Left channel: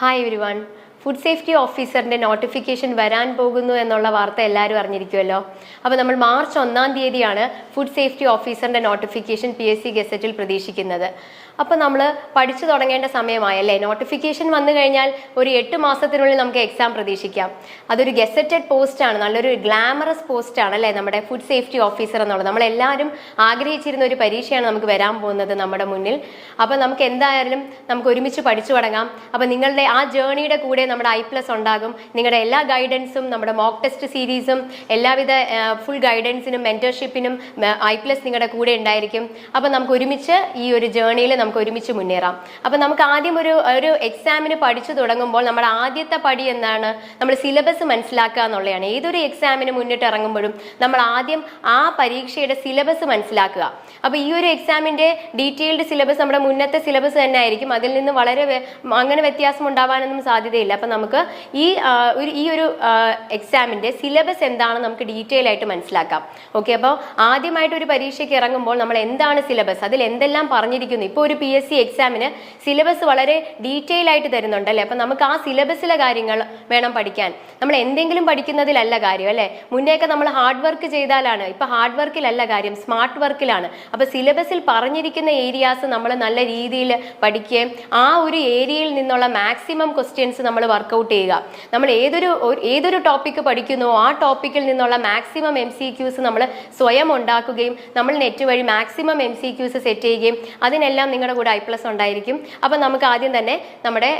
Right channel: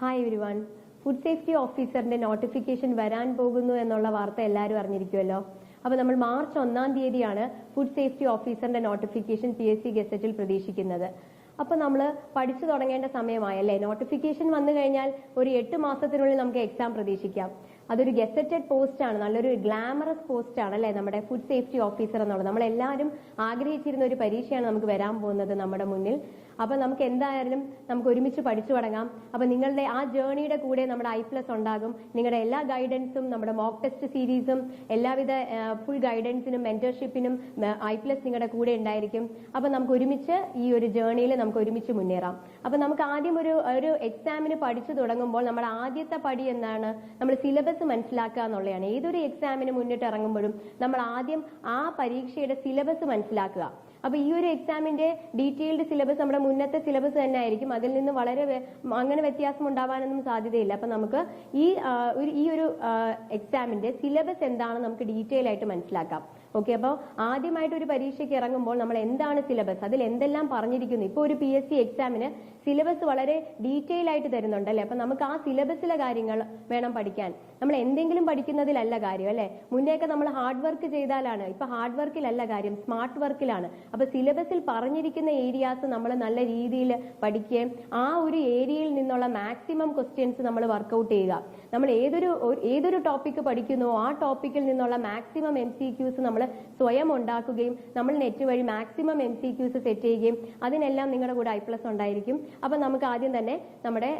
Hi everyone. Food safety ഓഫീസറിന്റെ notification വരാൻ പോകുന്നു എന്നുള്ള വാർത്ത എല്ലാവരും അറിഞ്ഞിരിക്കുമല്ലോ. അപ്പോൾ നമ്മൾ മാർച്ച് 1-ാം തീയതിയാണ് ഫുഡ് സേഫ്റ്റി ഓഫീസറിന്റെ നോട്ടിഫിക്കേഷൻ PSC ഗസറ്റിൽ പ്രതീക്ഷിക്കുന്നത്. അപ്പോൾ നമ്മൾ പഠിച്ചു തുടങ്ങേണ്ട സമയമായല്ലേ. നോട്ടിഫിക്കേഷൻ വന്നു കഴിഞ്ഞാൽ ഒരു 8 മാസത്തിനുള്ളിൽ നമുക്ക് എക്സാം പ്രതീക്ഷിക്കാം. അതൊരു ഗസറ്റഡ് പോസ്റ്റാണ്, നല്ലൊരു ഗ്ലാമറസ് പോസ്റ്റാണ് അല്ലേ നമ്മുടെ ഫുഡ് സേഫ്റ്റി ഓഫീസർ എന്നുള്ളത്. നമ്മളെല്ലാവരും ആഗ്രഹിച്ചിരുന്ന ഒരു പരീക്ഷയാണ് നമുക്ക് വരാൻ പോകുന്നത് നമ്മുടെ മുന്നിൽ. അപ്പോൾ നമുക്ക് എന്തായാലും നമുക്ക് ഒരുമിച്ച് പഠിച്ചു തുടങ്ങാം. അപ്പോൾ നിങ്ങളുടെ ആ ജേർണിയുടെ കൂടെ നമ്മുടെ I+ ഉണ്ടാകും. നിങ്ങളുടെ എല്ലാ ഗൈഡൻസും, നമ്മുടെ മോക്ക് ടെസ്റ്റ് സീരീസും, എല്ലാവിധ ഫുൾ ഗൈഡൻസിനും മെന്റർഷിപ്പിനും I+ നിങ്ങളുടെ കൂടെ ഉണ്ടായിരിക്കും. അപ്പോൾ നമുക്ക് ഒരുമിച്ച് ഈ ഒരു ജേർണിയിൽ നമുക്ക് ഒരുമിച്ച് മുന്നേറാം. അപ്പോൾ നമുക്ക് ആദ്യം ഒരു എക്സാമിന് പഠിച്ചു തുടങ്ങുമ്പോൾ നമ്മുടെ ആദ്യത്തെ പടി എന്താണ്? നമ്മൾ സിലബസ് മനസ്സിലാക്കുക എന്നുള്ളതാണ്. ഏതൊരു എക്സാമിന് മുന്നിട്ട് ഇറങ്ങുമ്പോഴും നമ്മൾ ആദ്യം ആ പരീക്ഷയുടെ സിലബസ് മനസ്സിലാക്കുക. അപ്പോൾ ഈ ഒരു എക്സാമിന്റെ ഡീറ്റെയിൽഡ് സിലബസ് നമ്മുടെ മുന്നത്തെ സിലബസ് തന്നെ ആയിരിക്കും. അതിൽ നിന്ന് വളരെ അങ്ങനെ വ്യത്യാസം ഉണ്ടാവാനൊന്നും സാധ്യതയില്ല. അപ്പം നമുക്ക് ഈ ഒരു എക്സാമിന്റെ സിലബസ് എന്താണെന്ന് നമുക്ക് ഡീറ്റെയിൽ ആയിട്ട് മനസ്സിലാക്കാം. ഓക്കെ, അപ്പോൾ ആദ്യമായിട്ട് ഒരു പരീക്ഷയ്ക്ക് ഇറങ്ങുമ്പോൾ നമ്മൾ എന്താണ് സിലബസ്, അതിൽ എന്തെല്ലാം പറഞ്ഞിരിക്കുന്നു. ഇപ്പോൾ ഒരു PSC എക്സാമിന് സിലബസ് വളരെ ഡീറ്റെയിൽ ആയിട്ട് തരുന്നുണ്ട് അല്ലേ. അപ്പം നമുക്ക് ആ സിലബസിലെ കാര്യങ്ങൾ വേണം പഠിക്കാൻ. നമ്മൾ എന്തെങ്കിലും പഠിക്കുന്നതിലല്ല കാര്യം അല്ലേ. മുന്നേയൊക്കെ നമ്മൾ ഹാർഡ് വർക്ക് ചെയ്താലാണ്. ഇപ്പൊ ഹാർഡ് വർക്കിലല്ല കാര്യം, സ്മാർട്ട് വർക്കിലാണ്. അപ്പൊ സിലബസിൽ പറഞ്ഞിരിക്കുന്ന ഏരിയാസ് നമ്മൾ നല്ല രീതിയിൽ പഠിക്കുകയും ആ ഒരു ഏരിയയിൽ നിന്നുള്ള മാക്സിമം ക്വസ്റ്റ്യൻസ് നമ്മൾ വർക്കൗട്ട് ചെയ്യുക. നമ്മൾ ഏതൊരു ടോപ്പിക്ക് പഠിക്കുന്നോ ആ ടോപ്പിക്കിൽ നിന്നുള്ള മാക്സിമം MCQs നമ്മൾ സ്വയം ഉണ്ടാക്കുകയും നമ്മൾ നെറ്റ് വഴി മാക്സിമം MCQs സെറ്റ് ചെയ്യുകയും അതിനെല്ലാം നിങ്ങളുടെ കൂടെ I+ ഉണ്ടായിരിക്കും. അപ്പൊ നമുക്ക് ആദ്യം തന്നെ നമ്മുടെ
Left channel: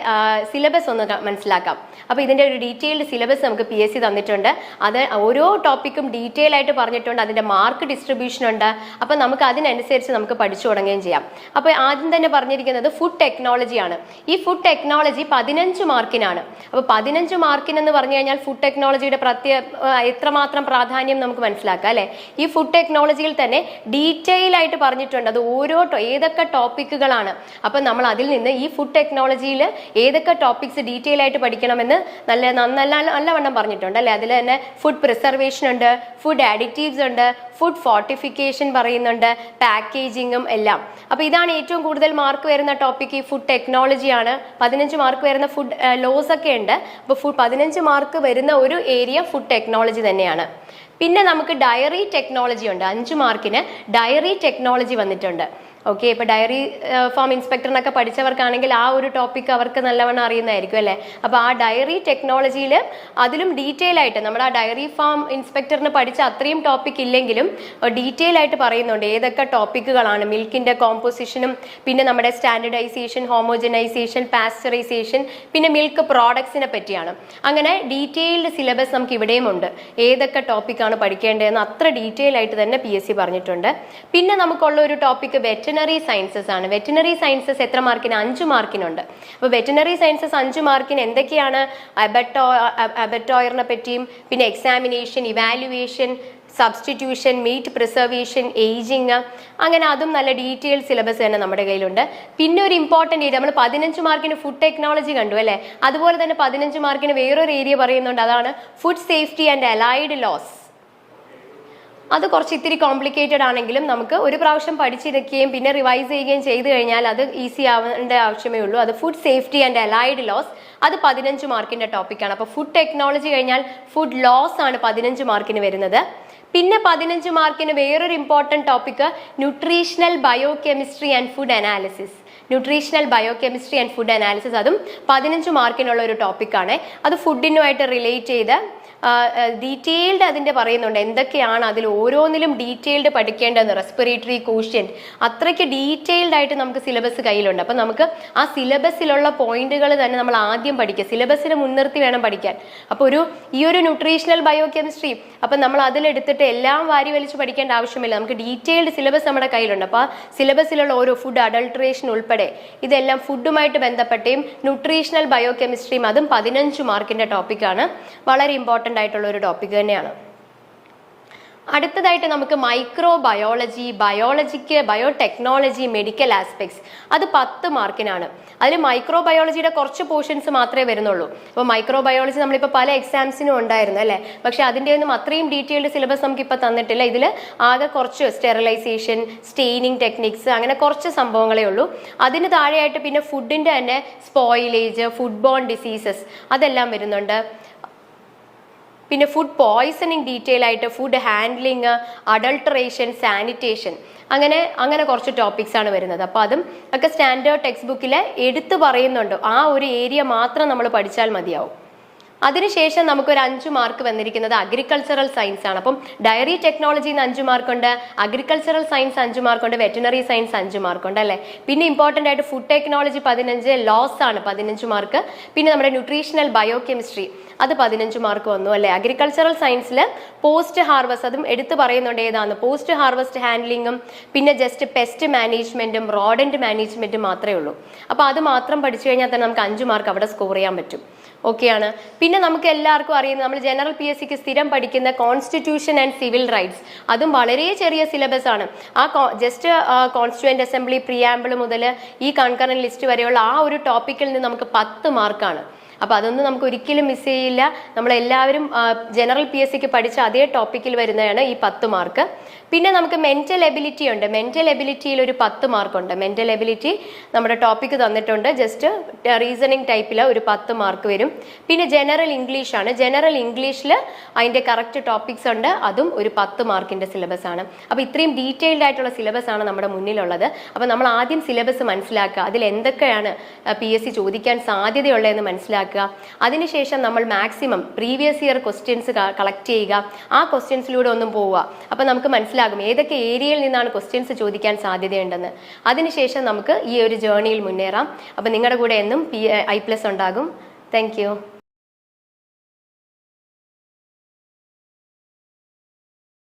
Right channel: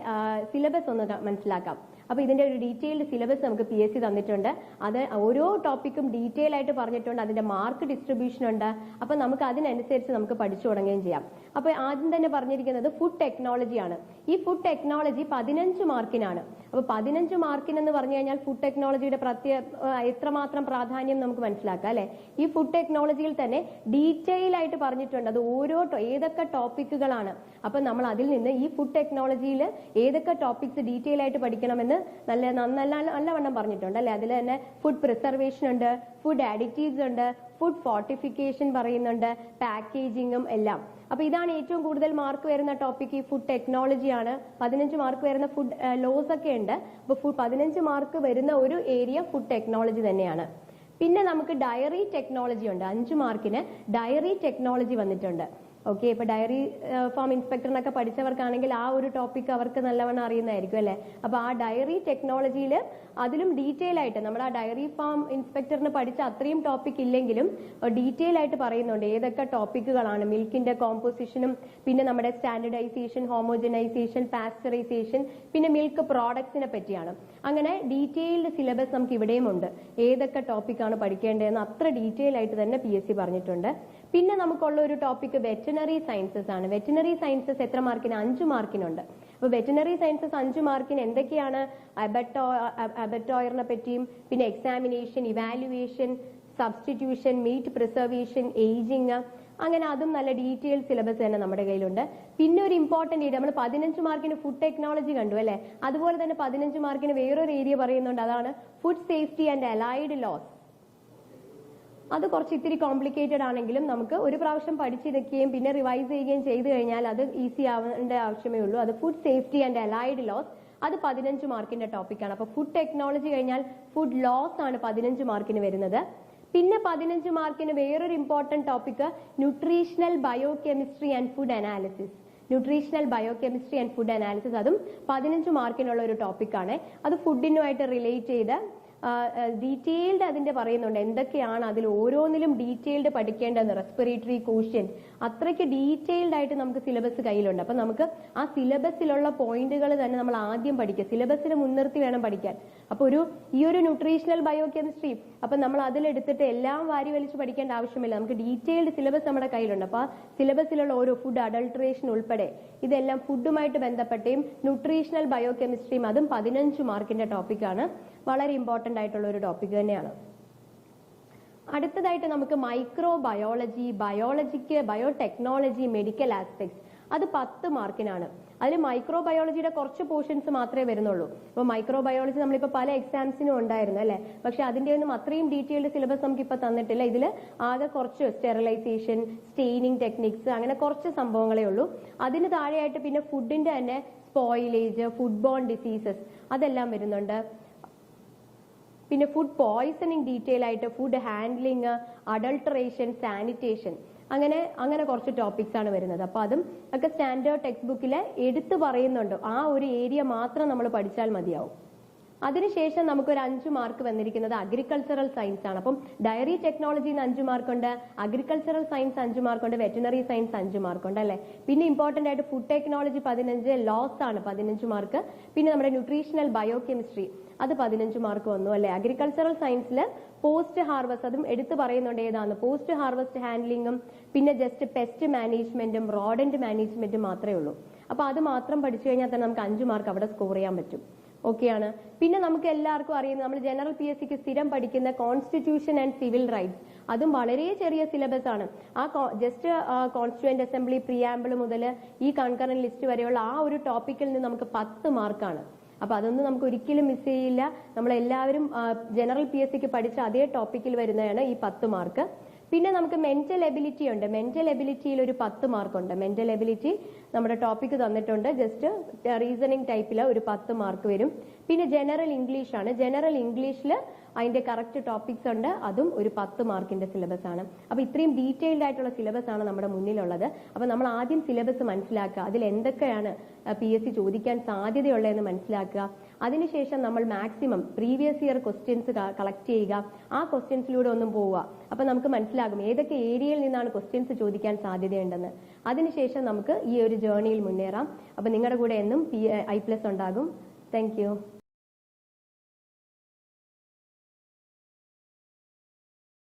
സിലബസ് ഒന്ന് മനസ്സിലാക്കാം. അപ്പൊ ഇതിന്റെ ഒരു ഡീറ്റെയിൽഡ് സിലബസ് നമുക്ക് PSC തന്നിട്ടുണ്ട്. അത് ഓരോ ടോപ്പിക്കും ഡീറ്റെയിൽ ആയിട്ട് പറഞ്ഞിട്ടുണ്ട്. അതിന്റെ മാർക്ക് ഡിസ്ട്രിബ്യൂഷൻ ഉണ്ട്. അപ്പൊ നമുക്ക് അതിനനുസരിച്ച് നമുക്ക് പഠിച്ചു തുടങ്ങുകയും ചെയ്യാം. അപ്പൊ ആദ്യം തന്നെ പറഞ്ഞിരിക്കുന്നത് ഫുഡ് ടെക്നോളജിയാണ്. ഈ ഫുഡ് ടെക്നോളജി 15 മാർക്കിനാണ്. അപ്പൊ 15 മാർക്കിനെന്ന് പറഞ്ഞു കഴിഞ്ഞാൽ ഫുഡ് ടെക്നോളജിയുടെ എത്രമാത്രം പ്രാധാന്യം നമുക്ക് മനസ്സിലാക്കാം അല്ലെ. ഈ ഫുഡ് ടെക്നോളജിയിൽ തന്നെ ഡീറ്റെയിൽ ആയിട്ട് പറഞ്ഞിട്ടുണ്ട്. അത് ഏതൊക്കെ ടോപ്പിക്കുകളാണ്. അപ്പൊ നമ്മൾ അതിൽ നിന്ന് ഈ ഫുഡ് ടെക്നോളജിയിൽ ഏതൊക്കെ ടോപ്പിക്സ് ഡീറ്റെയിൽ ആയിട്ട് പഠിക്കണമെന്ന് നല്ലവണ്ണം പറഞ്ഞിട്ടുണ്ട് അല്ലെ. അതിൽ തന്നെ ഫുഡ് പ്രിസർവേഷൻ ഉണ്ട്, ഫുഡ് അഡിറ്റീവ്സ് ഉണ്ട്, ഫുഡ് ഫോർട്ടിഫിക്കേഷൻ പറയുന്നുണ്ട്, പാക്കേജിങ്ങും എല്ലാം. അപ്പൊ ഇതാണ് ഏറ്റവും കൂടുതൽ മാർക്ക് വരുന്ന ടോപ്പിക്. ഈ ഫുഡ് ടെക്നോളജിയാണ്. 15 മാർക്ക് വരുന്ന ഫുഡ് ലോസ് ഒക്കെ ഉണ്ട്. അപ്പൊ 15 മാർക്ക് വരുന്ന ഒരു ഏരിയ ഫുഡ് ടെക്നോളജി തന്നെയാണ്. പിന്നെ നമുക്ക് ഡയറി ടെക്നോളജി ഉണ്ട്. 5 മാർക്കിന് ഡയറി ടെക്നോളജി വന്നിട്ടുണ്ട്. ഓക്കെ, ഇപ്പൊ ഡയറി ഫാം ഇൻസ്പെക്ടറിനൊക്കെ പഠിച്ചവർക്കാണെങ്കിൽ ആ ഒരു ടോപ്പിക് അവർക്ക് നല്ലവണ്ണം അറിയുന്നതായിരിക്കും അല്ലെ. അപ്പൊ ആ ഡയറി ടെക്നോളജിയിൽ അതിലും ഡീറ്റെയിൽ ആയിട്ട് നമ്മുടെ ആ ഡയറി ഫാം ഇൻസ്പെക്ടറിന് പഠിച്ച അത്രയും ടോപ്പിക് ഇല്ലെങ്കിലും ഡീറ്റെയിൽ ആയിട്ട് പറയുന്നുണ്ട് ഏതൊക്കെ ടോപ്പിക്കുകളാണ്. മിൽക്കിന്റെ കോമ്പോസിഷനും പിന്നെ നമ്മുടെ സ്റ്റാൻഡർഡൈസേഷൻ, ഹോമോജനൈസേഷൻ, പാസ്ചറൈസേഷൻ, പിന്നെ മിൽക്ക് പ്രോഡക്ട്സിനെ പറ്റിയാണ്. അങ്ങനെ ഡീറ്റെയിൽഡ് സിലബസ് നമുക്ക് ഇവിടെയും ഉണ്ട്. ഏതൊക്കെ ടോപ്പിക്കാണ് പഠിക്കേണ്ടതെന്ന് അത്ര ഡീറ്റെയിൽ ആയിട്ട് തന്നെ PSC പറഞ്ഞിട്ടുണ്ട്. പിന്നെ നമുക്കുള്ള ഒരു ടോപ്പിക് വെറ്റനറി സയൻസസ് ആണ്. വെറ്റനറി സയൻസസ് എത്ര മാർക്കിന്? 5 മാർക്കിനുണ്ട്. അപ്പോൾ വെറ്റനറി സയൻസസ് 5 മാർക്കിന് എന്തൊക്കെയാണ്? അബറ്റോയറിനെ പറ്റിയും പിന്നെ examination, evaluation, substitution, meat preservation, ageing, അങ്ങനെ അതും നല്ല ഡീറ്റെയിൽ സിലബസ് തന്നെ നമ്മുടെ കയ്യിലുണ്ട്. പിന്നെ ഒരു ഇമ്പോർട്ടൻ്റ് ഏരിയ നമ്മൾ 15 മാർക്കിന് ഫുഡ് ടെക്നോളജി കണ്ടു അല്ലേ. അതുപോലെ തന്നെ 15 മാർക്കിന് വേറൊരു ഏരിയ പറയുന്നുണ്ട്. അതാണ് food safety and allied laws. അത് കുറച്ച് ഇത്തിരി കോംപ്ലിക്കേറ്റഡ് ആണെങ്കിലും നമുക്ക് ഒരു പ്രാവശ്യം പഠിച്ചിരിക്കുകയും പിന്നെ റിവൈസ് ചെയ്യുകയും ചെയ്തു കഴിഞ്ഞാൽ അത് ഈസി ആവേണ്ട ആവശ്യമേ ഉള്ളൂ. അത് food safety and allied laws, അത് 15 മാർക്കിന്റെ ടോപ്പിക്കാണ്. അപ്പോൾ ഫുഡ് ടെക്നോളജി കഴിഞ്ഞാൽ ഫുഡ് ലോസ് ആണ് 15 മാർക്കിന് വരുന്നത്. പിന്നെ 15 മാർക്കിന് വേറൊരു important topic nutritional biochemistry and food analysis. Nutritional biochemistry and food analysis അതും 15 മാർക്കിനുള്ള ഒരു ടോപ്പിക്കാണ്. അത് ഫുഡിനുമായിട്ട് റിലേറ്റ് ചെയ്ത് ഡീറ്റെയിൽഡ് അതിൻ്റെ പറയുന്നുണ്ട് എന്തൊക്കെയാണ് അതിൽ ഓരോന്നിലും ഡീറ്റെയിൽഡ് പഠിക്കേണ്ടതെന്ന്. റെസ്പിറേറ്ററി ക്വസ്റ്റ്യൻ അത്രയ്ക്ക് ഡീറ്റെയിൽഡ് ആയിട്ട് നമുക്ക് സിലബസ് കയ്യിലുണ്ട്. അപ്പം നമുക്ക് ആ സിലബസിലുള്ള പോയിന്റുകൾ തന്നെ നമ്മൾ ആദ്യം പഠിക്കുക. സിലബസിനെ മുൻനിർത്തി വേണം പഠിക്കാൻ. അപ്പോൾ ഈ ഒരു ന്യൂട്രീഷണൽ ബയോകെമിസ്ട്രി അപ്പം നമ്മൾ അതിലെടുത്തിട്ട് എല്ലാം വാരി വലിച്ച് പഠിക്കേണ്ട ആവശ്യമില്ല. നമുക്ക് ഡീറ്റെയിൽഡ് സിലബസ് നമ്മുടെ കയ്യിലുണ്ട്. അപ്പോൾ ആ സിലബസിലുള്ള ഓരോ ഫുഡ് അഡൾട്രേഷൻ ഉൾപ്പെടെ ഇതെല്ലാം ഫുഡുമായിട്ട് ബന്ധപ്പെട്ടയും ന്യൂട്രീഷണൽ ബയോകെമിസ്ട്രിയും അതും 15 മാർക്കിന്റെ ടോപ്പിക്കാണ്. വളരെ ഇമ്പോർട്ടൻ്റ് ആയിട്ടുള്ള ഒരു ടോപ്പിക് തന്നെയാണ്. അടുത്തതായിട്ട് നമുക്ക് മൈക്രോബയോളജി, ബയോടെക്നോളജി, മെഡിക്കൽ ആസ്പെക്ട്സ്, അത് 10 മാർക്കിനാണ്. അതിൽ മൈക്രോബയോളജിയുടെ കുറച്ച് പോർഷൻസ് മാത്രമേ വരുന്നുള്ളൂ. അപ്പോൾ മൈക്രോബയോളജി നമ്മളിപ്പോൾ പല എക്സാംസിനും ഉണ്ടായിരുന്നു അല്ലേ, പക്ഷെ അതിൻ്റെ ഒന്നും അത്രയും ഡീറ്റെയിൽഡ് സിലബസ് നമുക്ക് ഇപ്പോൾ തന്നിട്ടില്ല. ഇതിൽ ആകെ കുറച്ച് സ്റ്റെറിലൈസേഷൻ, സ്റ്റെയിനിങ് ടെക്നിക്സ്, അങ്ങനെ കുറച്ച് സംഭവങ്ങളേ ഉള്ളൂ. അതിന് താഴെയായിട്ട് പിന്നെ ഫുഡിൻ്റെ തന്നെ സ്പോയിലേജ്, ഫുഡ് ബോൺ ഡിസീസസ് അതെല്ലാം വരുന്നുണ്ട്. പിന്നെ ഫുഡ് പോയ്സണിങ് ഡീറ്റെയിൽ ആയിട്ട്, ഫുഡ് ഹാൻഡ്ലിങ്, അഡൾട്ടറേഷൻ, സാനിറ്റേഷൻ, അങ്ങനെ കുറച്ച് ടോപ്പിക്സ് ആണ് വരുന്നത്. അപ്പോൾ അതും ഒക്കെ സ്റ്റാൻഡേർഡ് ടെക്സ്റ്റ് ബുക്കിൽ എടുത്തു പറയുന്നുണ്ട്. ആ ഒരു ഏരിയ മാത്രം നമ്മൾ പഠിച്ചാൽ മതിയാവും. അതിനുശേഷം നമുക്കൊരു 5 മാർക്ക് വന്നിരിക്കുന്നത് അഗ്രികൾച്ചറൽ സയൻസ് ആണ്. അപ്പം ഡയറി ടെക്നോളജിന്ന് 5 മാർക്കുണ്ട്, അഗ്രികൾച്ചറൽ സയൻസ് 5 മാർക്കുണ്ട്, വെറ്റിനറി സയൻസ് 5 മാർക്കുണ്ട് അല്ലേ. പിന്നെ ഇമ്പോർട്ടൻ്റ് ആയിട്ട് ഫുഡ് ടെക്നോളജി 15, ലോസ് ആണ് 15 മാർക്ക്. പിന്നെ നമ്മുടെ ന്യൂട്രീഷണൽ ബയോകെമിസ്ട്രി അത് 15 മാർക്ക് വന്നു അല്ലേ. അഗ്രികൾച്ചറൽ സയൻസിൽ പോസ്റ്റ് ഹാർവസ്റ്റ് അതും എടുത്തു പറയുന്നുണ്ട്. ഏതാണ് പോസ്റ്റ് ഹാർവസ്റ്റ് ഹാൻഡ്ലിങ്ങും പിന്നെ ജസ്റ്റ് പെസ്റ്റ് മാനേജ്മെന്റും റോഡന്റ് മാനേജ്മെന്റും മാത്രമേ ഉള്ളൂ. അപ്പോൾ അത് മാത്രം പഠിച്ചു കഴിഞ്ഞാൽ തന്നെ നമുക്ക് 5 മാർക്ക് അവിടെ സ്കോർ ചെയ്യാൻ പറ്റും. ഓക്കെയാണ്. പിന്നെ നമുക്ക് എല്ലാവർക്കും അറിയുന്നത് നമ്മൾ ജനറൽ PSCക്ക് സ്ഥിരം പഠിക്കുന്ന കോൺസ്റ്റിറ്റ്യൂഷൻ ആൻഡ് സിവിൽ റൈറ്റ്സ്, അതും വളരെ ചെറിയ സിലബസ് ആണ്. ആ ജസ്റ്റ് കോൺസ്റ്റിറ്റ്യൂവന്റ് അസംബ്ലി, പ്രിയാമ്പിൾ മുതൽ ഈ കൺകറന്റ് ലിസ്റ്റ് വരെയുള്ള ആ ഒരു ടോപ്പിക്കിൽ നിന്ന് നമുക്ക് 10 മാർക്കാണ്. അപ്പോൾ അതൊന്നും നമുക്ക് ഒരിക്കലും മിസ് ചെയ്യില്ല. നമ്മളെല്ലാവരും ജനറൽ PSCക്ക് പഠിച്ച അതേ ടോപ്പിക്കിൽ വരുന്നതാണ് ഈ 10 മാർക്ക്. പിന്നെ നമുക്ക് മെന്റൽ എബിലിറ്റി ഉണ്ട്. മെന്റൽ എബിലിറ്റിയിൽ ഒരു 10 മാർക്കുണ്ട്. മെന്റൽ എബിലിറ്റി നമ്മുടെ ടോപ്പിക്ക് തന്നിട്ടുണ്ട്. ജസ്റ്റ് റീസണിങ് ടൈപ്പിൽ ഒരു 10 മാർക്ക് വരും. പിന്നെ ജനറൽ ഇംഗ്ലീഷ് ആണ്. ജനറൽ ഇംഗ്ലീഷിൽ അതിൻ്റെ കറക്റ്റ് ടോപ്പിക്സ് ഉണ്ട്. അതും ഒരു 10 മാർക്കിൻ്റെ സിലബസ് ആണ്. അപ്പോൾ ഇത്രയും ഡീറ്റെയിൽഡ് ആയിട്ടുള്ള സിലബസ് ആണ് നമ്മുടെ മുന്നിലുള്ളത്. അപ്പോൾ നമ്മൾ ആദ്യം സിലബസ് മനസ്സിലാക്കുക, അതിൽ എന്തൊക്കെയാണ് PSC ചോദിക്കാൻ സാധ്യതയുള്ളതെന്ന് മനസ്സിലാക്കുക. അതിനുശേഷം നമ്മൾ maximum previous year questions collect ചെയ്യുക. ആ ക്വസ്റ്റ്യൻസിലൂടെ ഒന്നും പോവുക. അപ്പോൾ നമുക്ക് മനസ്സിലാകും ഏതൊക്കെ ഏരിയയിൽ നിന്നാണ് ക്വസ്റ്റ്യൻസ് ചോദിക്കാൻ സാധ്യതയുണ്ടെന്ന്. അതിനുശേഷം നമുക്ക് ഈ ഒരു ജേർണിയിൽ മുന്നേറാം. അപ്പോൾ നിങ്ങളുടെ കൂടെ എന്നും I+ ഉണ്ടാകും. Thank you.